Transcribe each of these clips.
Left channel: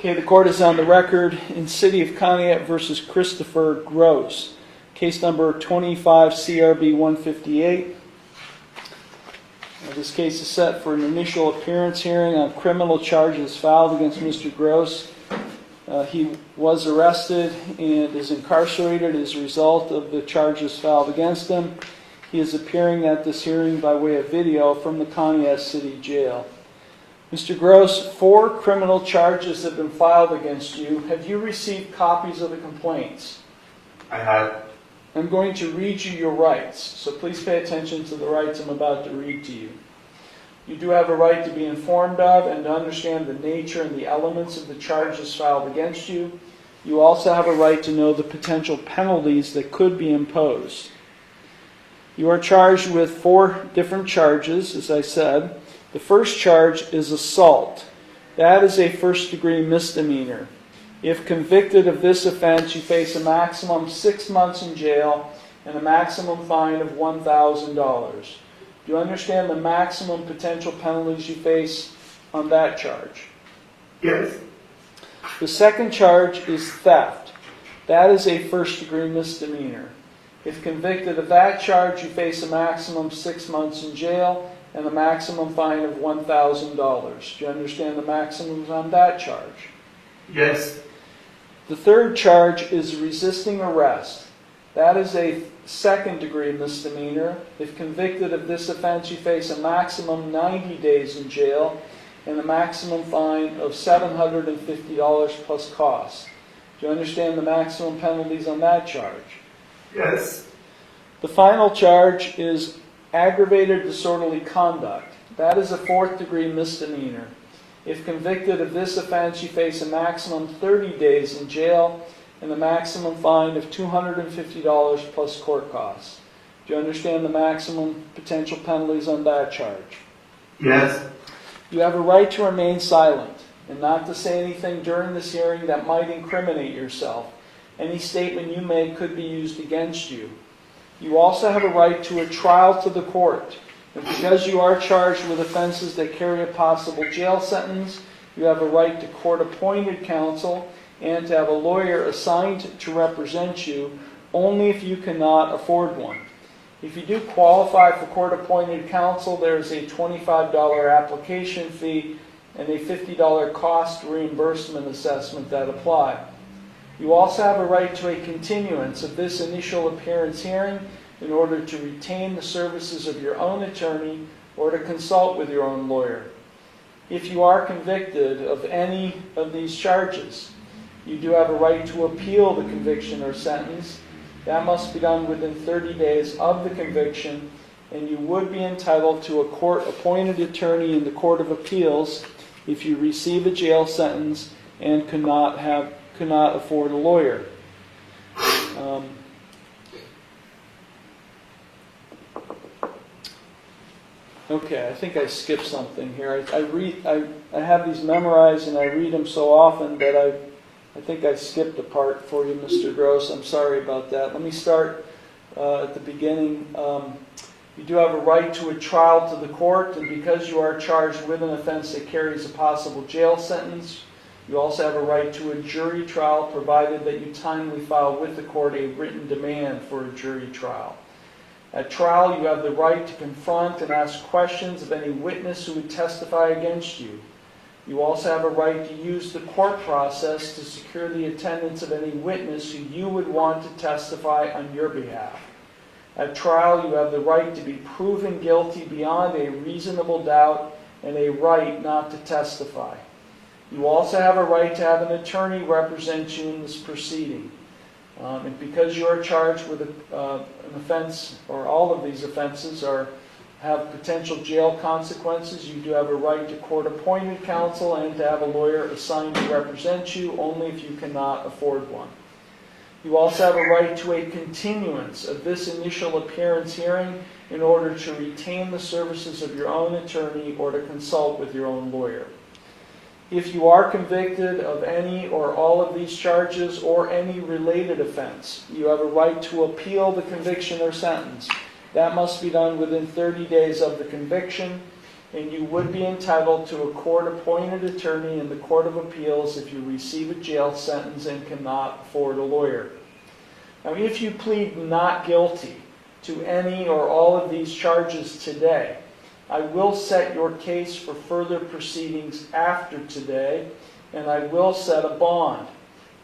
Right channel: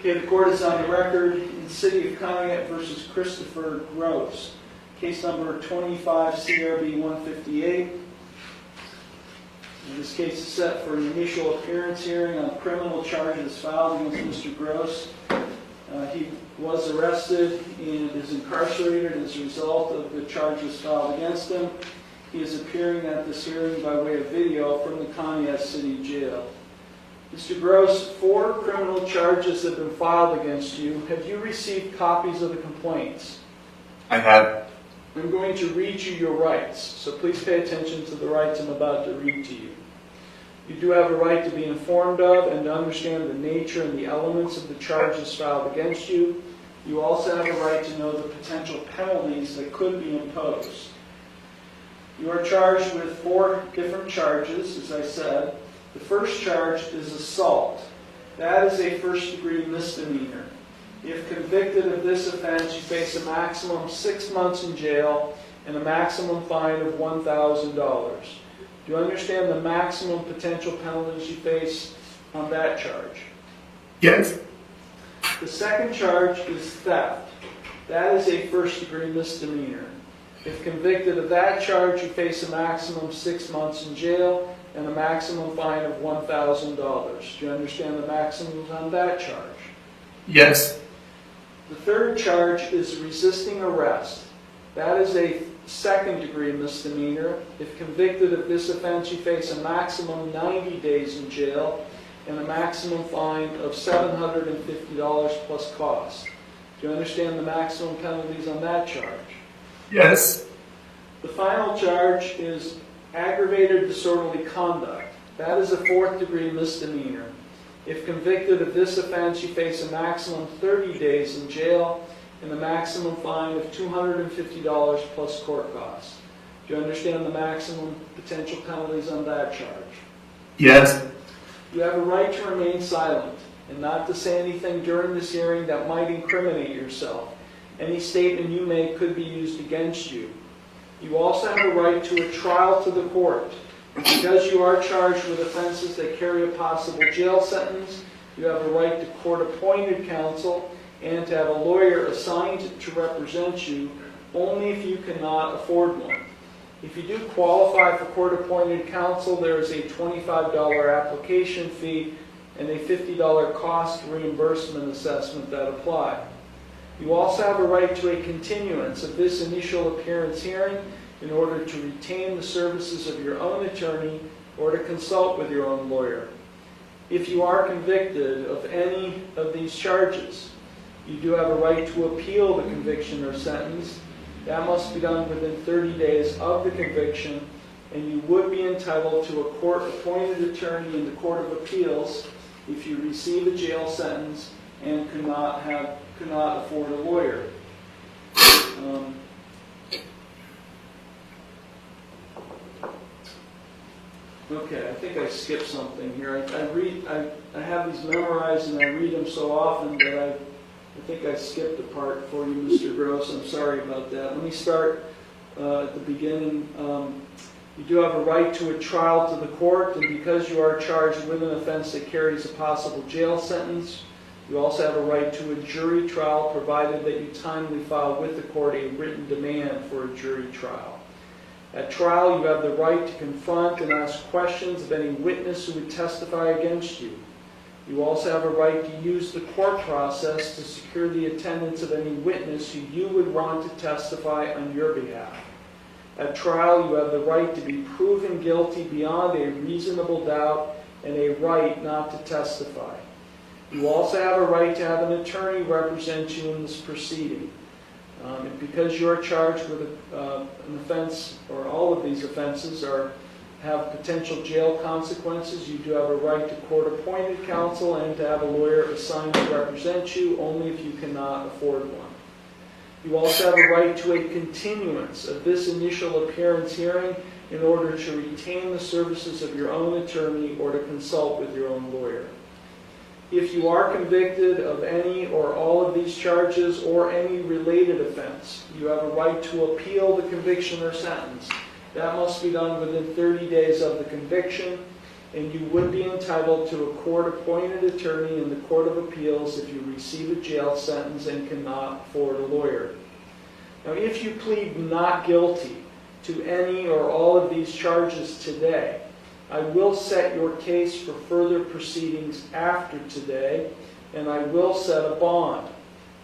Okay, the court is on the record in City of Conneaut versus Christopher Gross. Case number 25 CRB 158. This case is set for an initial appearance hearing on criminal charges filed against Mr. Gross. He was arrested and is incarcerated as a result of the charges filed against him. He is appearing at this hearing by way of video from the Conneaut City Jail. Mr. Gross, 4 criminal charges have been filed against you. Have you received copies of the complaints? I have. I'm going to read you your rights, so please pay attention to the rights I'm about to read to you. You do have a right to be informed of and to understand the nature and the elements of the charges filed against you. You also have a right to know the potential penalties that could be imposed. You are charged with 4 different charges, as I said. The first charge is assault. That is a first-degree misdemeanor. If convicted of this offense, you face a maximum 6 months in jail and a maximum fine of $1,000. Do you understand the maximum potential penalties you face on that charge? Yes. The second charge is theft. That is a first-degree misdemeanor. If convicted of that charge, you face a maximum 6 months in jail and a maximum fine of $1,000. Do you understand the maximums on that charge? Yes. The third charge is resisting arrest. That is a second-degree misdemeanor. If convicted of this offense, you face a maximum 90 days in jail and a maximum fine of $750 plus costs. Do you understand the maximum penalties on that charge? Yes. The final charge is aggravated disorderly conduct. That is a 4th-degree misdemeanor. If convicted of this offense, you face a maximum 30 days in jail and a maximum fine of $250 plus court costs. Do you understand the maximum potential penalties on that charge? Yes. You have a right to remain silent and not to say anything during this hearing that might incriminate yourself. Any statement you make could be used against you. You also have a right to a trial to the court. And because you are charged with offenses that carry a possible jail sentence, you have a right to court-appointed counsel and to have a lawyer assigned to represent you only if you cannot afford one. If you do qualify for court-appointed counsel, there is a $25 application fee and a $50 cost reimbursement assessment that apply. You also have a right to a continuance of this initial appearance hearing in order to retain the services of your own attorney or to consult with your own lawyer. If you are convicted of any of these charges, you do have a right to appeal the conviction or sentence. That must be done within 30 days of the conviction, and you would be entitled to a court-appointed attorney in the Court of Appeals if you receive a jail sentence and cannot afford a lawyer. Okay, I think I skipped something here. I have these memorized and I read them so often that I think I skipped a part for you, Mr. Gross. I'm sorry about that. Let me start at the beginning. You do have a right to a trial to the court, and because you are charged with an offense that carries a possible jail sentence, you also have a right to a jury trial, provided that you timely file with the court a written demand for a jury trial. At trial, you have the right to confront and ask questions of any witness who would testify against you. You also have a right to use the court process to secure the attendance of any witness who you would want to testify on your behalf. At trial, you have the right to be proven guilty beyond a reasonable doubt and a right not to testify. You also have a right to have an attorney represent you in this proceeding. And because you are charged with an offense, or all of these offenses have potential jail consequences, you do have a right to court-appointed counsel and to have a lawyer assigned to represent you only if you cannot afford one. You also have a right to a continuance of this initial appearance hearing in order to retain the services of your own attorney or to consult with your own lawyer. If you are convicted of any or all of these charges or any related offense, you have a right to appeal the conviction or sentence. That must be done within 30 days of the conviction. and you would be entitled to a court-appointed attorney in the Court of Appeals if you receive a jail sentence and cannot afford a lawyer. Now, if you plead not guilty to any or all of these charges today, I will set your case for further proceedings after today, and I will set a bond.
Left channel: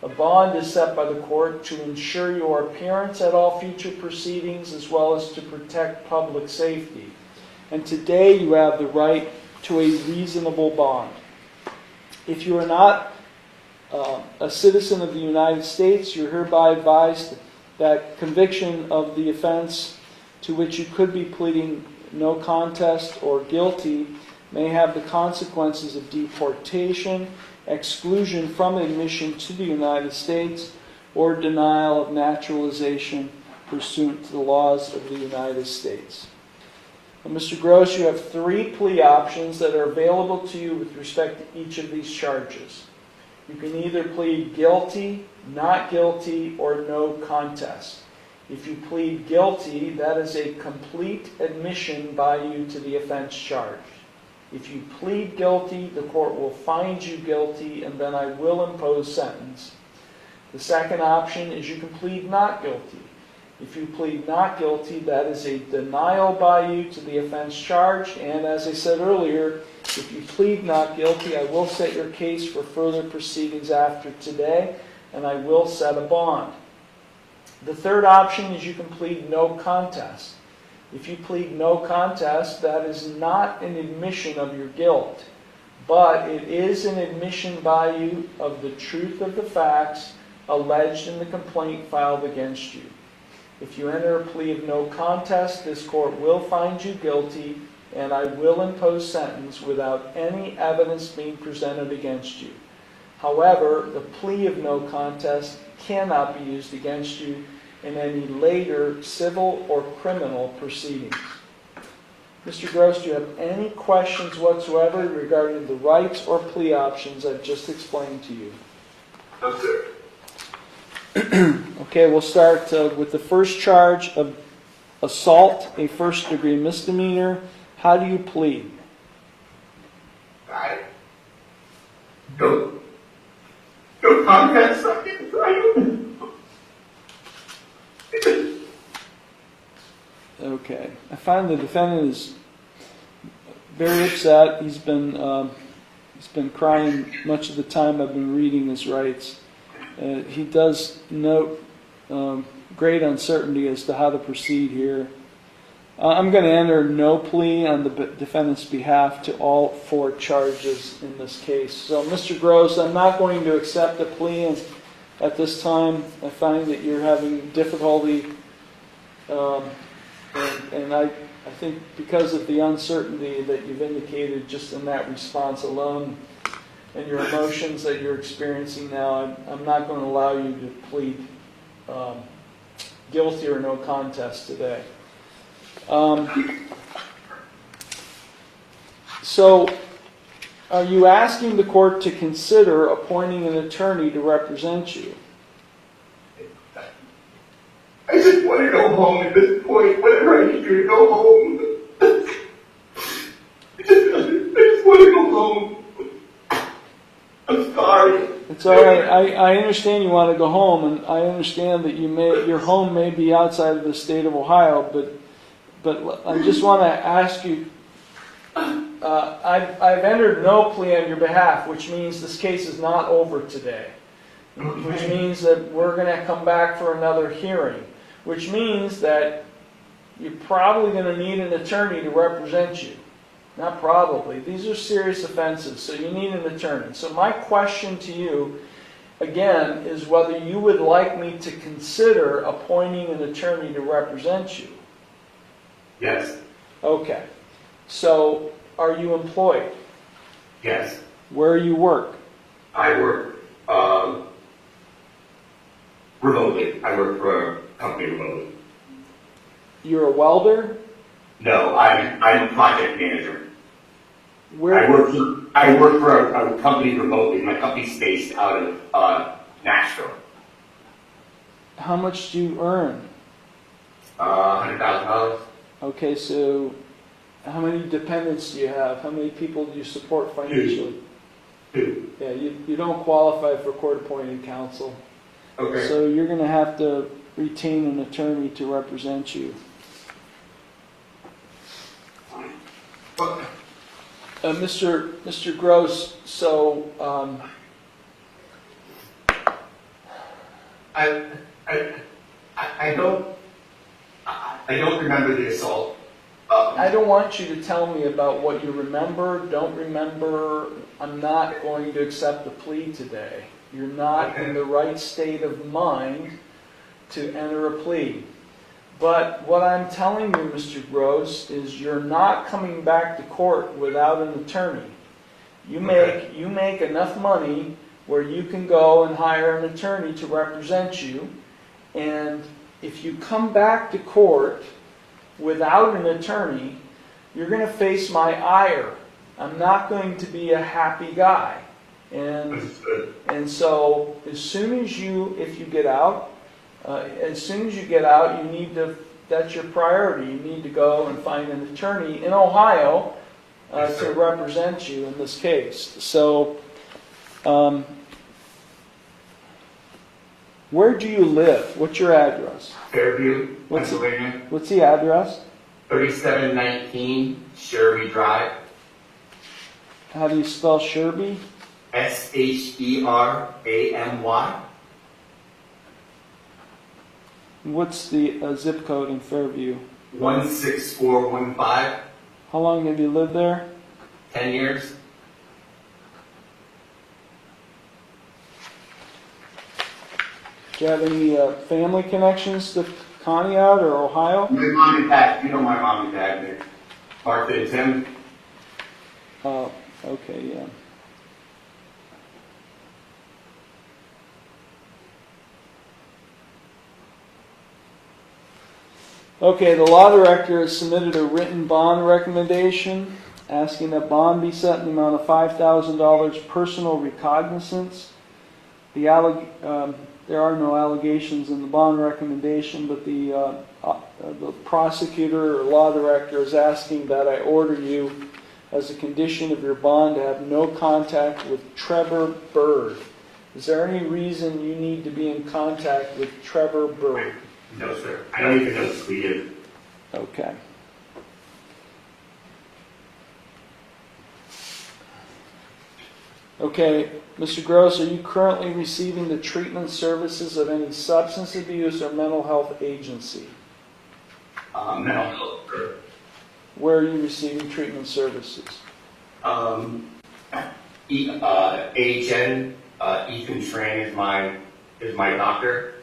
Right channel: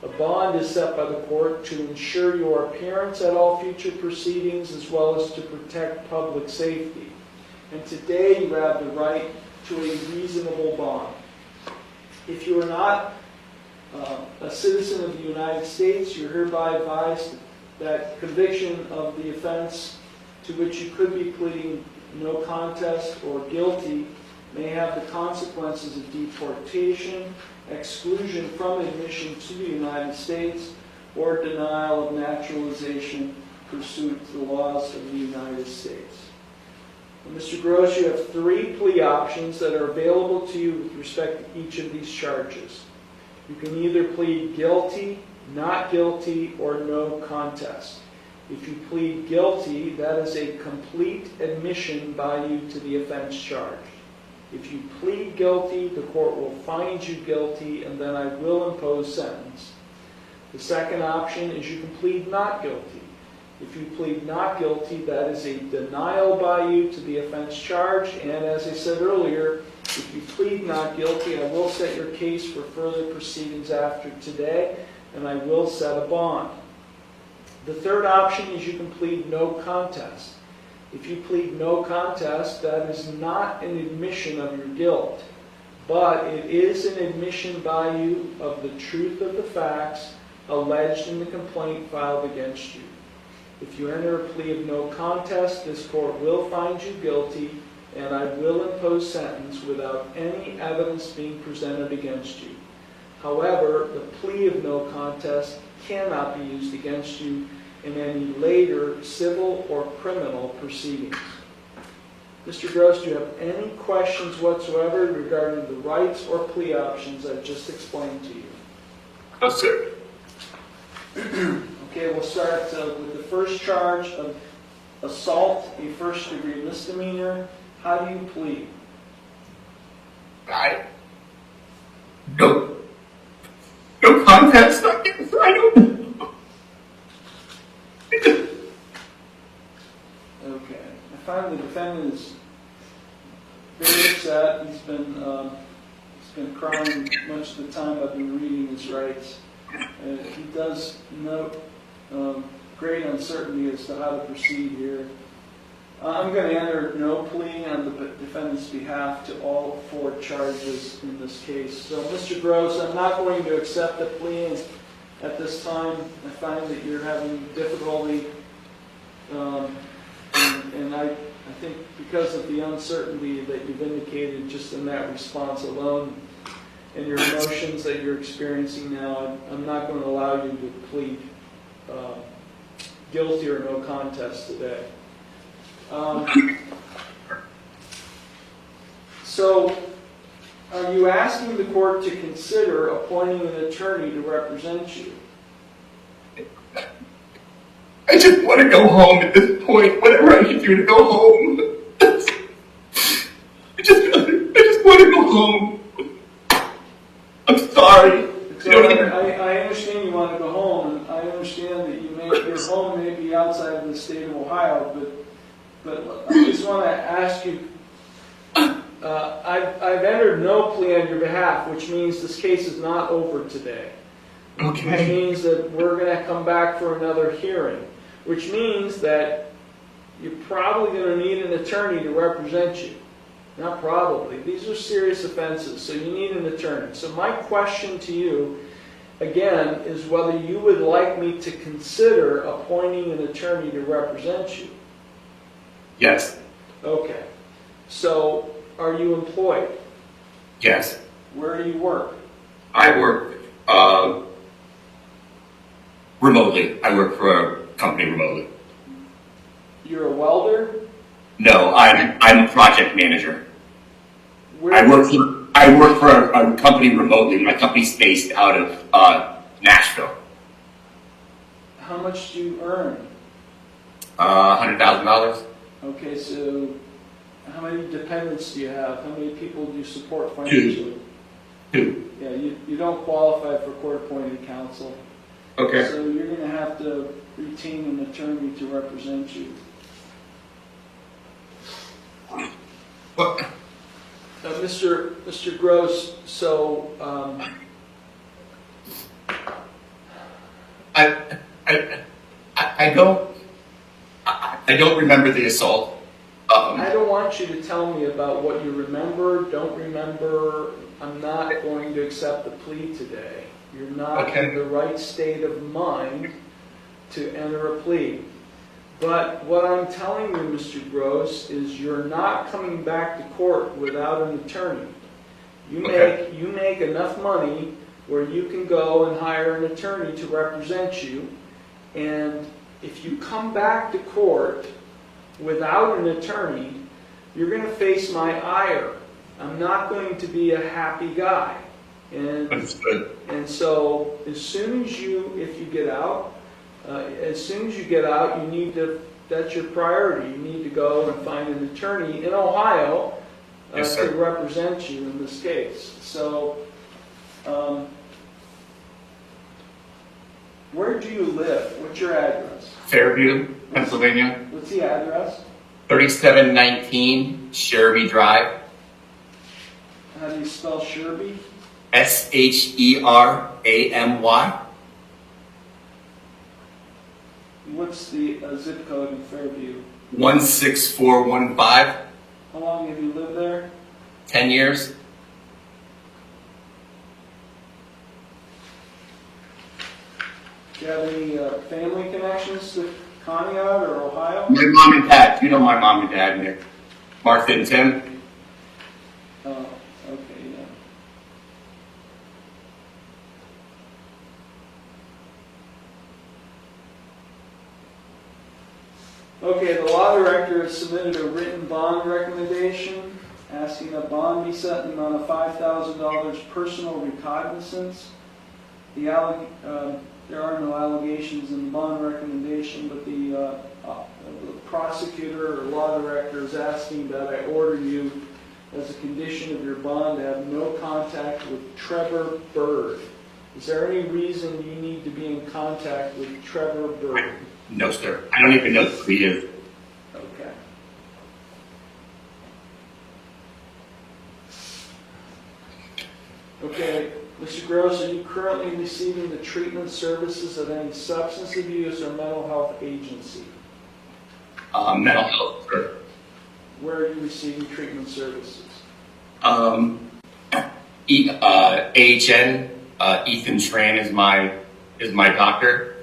A bond is set by the court to ensure your appearance at all future proceedings as well as to protect public safety. And today you have the right to a reasonable bond. If you are not a citizen of the United States, you're hereby advised that conviction of the offense to which you could be pleading no contest or guilty may have the consequences of deportation, exclusion from admission to the United States, or denial of naturalization pursuant to the laws of the United States. And Mr. Gross, you have 3 plea options that are available to you with respect to each of these charges. You can either plead guilty, not guilty, or no contest. If you plead guilty, that is a complete admission by you to the offense charged. If you plead guilty, the court will find you guilty, and then I will impose sentence. The second option is you can plead not guilty. If you plead not guilty, that is a denial by you to the offense charged, and as I said earlier, if you plead not guilty, I will set your case for further proceedings after today, and I will set a bond. The third option is you can plead no contest. If you plead no contest, that is not an admission of your guilt, but it is an admission by you of the truth of the facts alleged in the complaint filed against you. If you enter a plea of no contest, this court will find you guilty, and I will impose sentence without any evidence being presented against you. However, the plea of no contest cannot be used against you in any later civil or criminal proceedings. Mr. Gross, do you have any questions whatsoever regarding the rights or plea options I've just explained to you? No, sir. Okay, we'll start with the first charge of assault, a first-degree misdemeanor. How do you plead? No contest. I don't. Okay. I find the defendant is very upset. He's been crying much of the time I've been reading his rights. He does note great uncertainty as to how to proceed here. I'm going to enter no plea on the defendant's behalf to all 4 charges in this case. So, Mr. Gross, I'm not going to accept a plea at this time. I find that you're having difficulty, and I think because of the uncertainty that you've indicated just in that response alone and your emotions that you're experiencing now, I'm not going to allow you to plead guilty or no contest today. So, are you asking the court to consider appointing an attorney to represent you? I just want to go home at this point. Whatever I can do to go home. I just want to go home. I'm sorry. It's all right. I understand you want to go home, and I understand that your home may be outside of the state of Ohio, but I just want to ask you, I've entered no plea on your behalf, which means this case is not over today. Okay. Which means that we're going to come back for another hearing, which means that you're probably going to need an attorney to represent you. Not probably. These are serious offenses, so you need an attorney. So my question to you, again, is whether you would like me to consider appointing an attorney to represent you. Yes. Okay. So, are you employed? Yes. Where you work? I work remotely. I work for a company remotely. You're a welder? No, I'm a project manager. Where I work for a company remotely. My company's based out of Nashville. How much do you earn? $100,000. Okay, so How many dependents do you have? How many people do you support financially? Two. Yeah, you don't qualify for court-appointed counsel. Okay. So you're going to have to retain an attorney to represent you. What? Mr. Gross, so I don't remember the assault. I don't want you to tell me about what you remember, don't remember. I'm not going to accept the plea today. You're not Okay. in the right state of mind to enter a plea. But what I'm telling you, Mr. Gross, is you're not coming back to court without an attorney. You make enough money where you can go and hire an attorney to represent you. And if you come back to court without an attorney, you're going to face my ire. I'm not going to be a happy guy. And so as soon as if you get out, you need to, that's your priority. You need to go and find an attorney in Ohio to represent you in this case. So, where do you live? What's your address? Fairview, Pennsylvania. What's the address? 3719 Sherby Drive. How do you spell Sherby? Sheramy. What's the zip code in Fairview? 16415. How long have you lived there? 10 years. Do you have any family connections to Conneaut or Ohio? My mom and dad. You know my mom and dad, Nick. Martha and Tim. Oh, okay, yeah. Okay, the law director has submitted a written bond recommendation asking that bond be set in the amount of $5,000 personal recognizance. There are no allegations in the bond recommendation, but the prosecutor or law director is asking that I order you, as a condition of your bond, to have no contact with Trevor Bird. Is there any reason you need to be in contact with Trevor Bird? No, sir. I don't even know who he is. Okay. Okay, Mr. Gross, are you currently receiving the treatment services of any substance abuse or mental health agency? Mental health, sir. Where are you receiving treatment services? AHN, Ethan Tran is my doctor,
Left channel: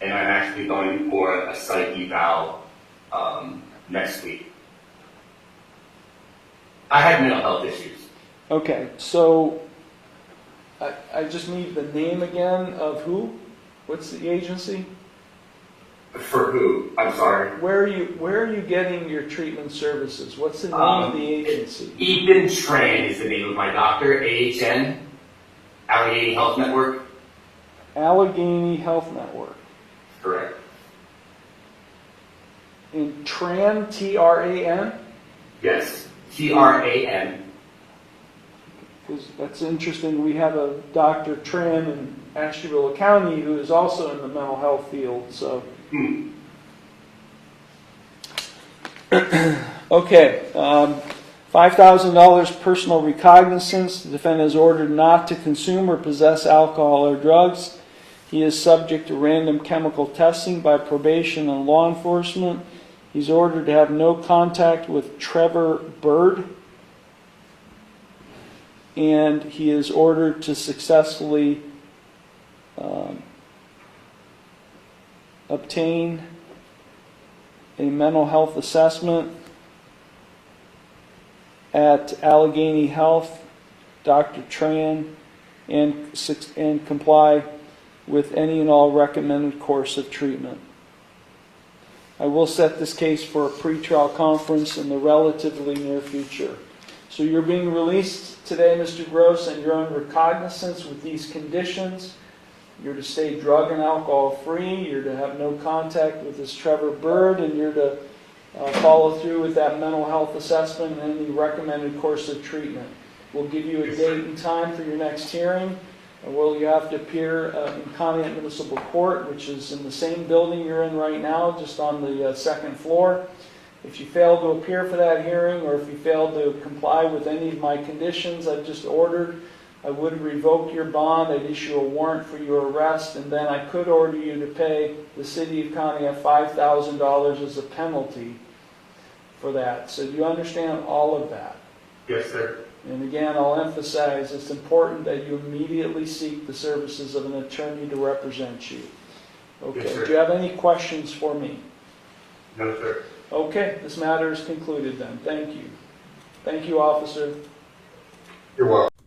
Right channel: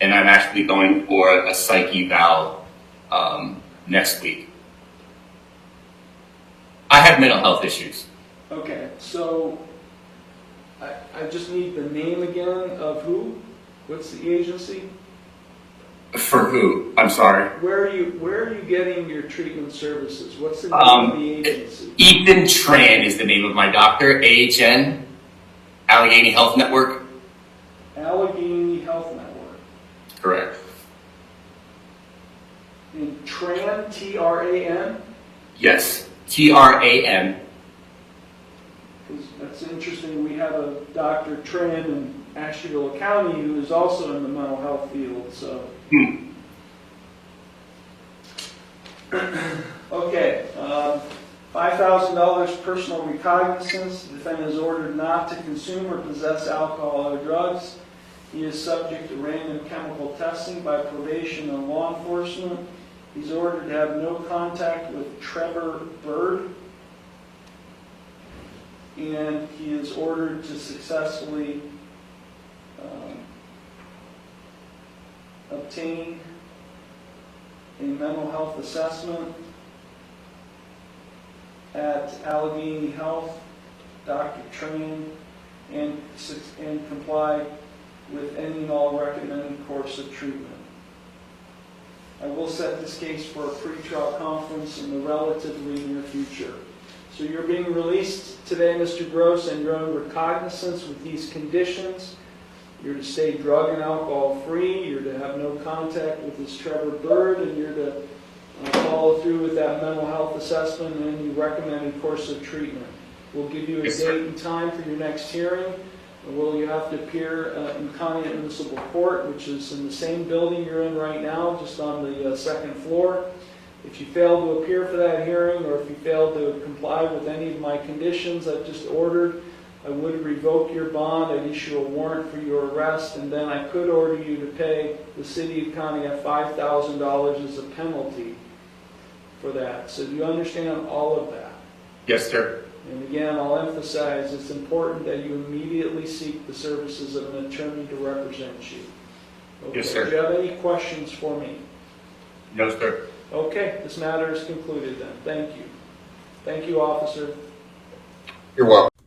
and I'm actually going for a psych eval next week. I have mental health issues. Okay, so I just need the name again of who? What's the agency? For who? I'm sorry. Where are you getting your treatment services? What's the name of the agency? Ethan Tran is the name of my doctor. AHN, Allegheny Health Network. Allegheny Health Network. Correct. And Tran, T-R-A-N? Yes, Tran. That's interesting. We have a Dr. Tran in Ashtabula County who is also in the mental health field. So, okay, $5,000 personal recognizance. The defendant is ordered not to consume or possess alcohol or drugs. He is subject to random chemical testing by probation and law enforcement. He's ordered to have no contact with Trevor Bird. And he is ordered to successfully obtain a mental health assessment at Allegheny Health, Dr. Tran, and comply with any and all recommended course of treatment. I will set this case for a pretrial conference in the relatively near future. So you're being released today, Mr. Gross, and you're on recognizance with these conditions. You're to stay drug and alcohol free. You're to have no contact with this Trevor Bird, and you're to follow through with that mental health assessment and any recommended course of treatment. We'll give you a Yes, sir. date and time for your next hearing. Will you have to appear in Conneaut Municipal Court, which is in the same building you're in right now, just on the second floor. If you fail to appear for that hearing, or if you fail to comply with any of my conditions I've just ordered, I would revoke your bond, I'd issue a warrant for your arrest, and then I could order you to pay the city of Conneaut $5,000 as a penalty for that. So do you understand all of that? Yes, sir. And again, I'll emphasize it's important that you immediately seek the services of an attorney to represent you. Okay. Yes, sir. Do you have any questions for me? No, sir. Okay, this matter is concluded then. Thank you. Thank you, officer. You're welcome.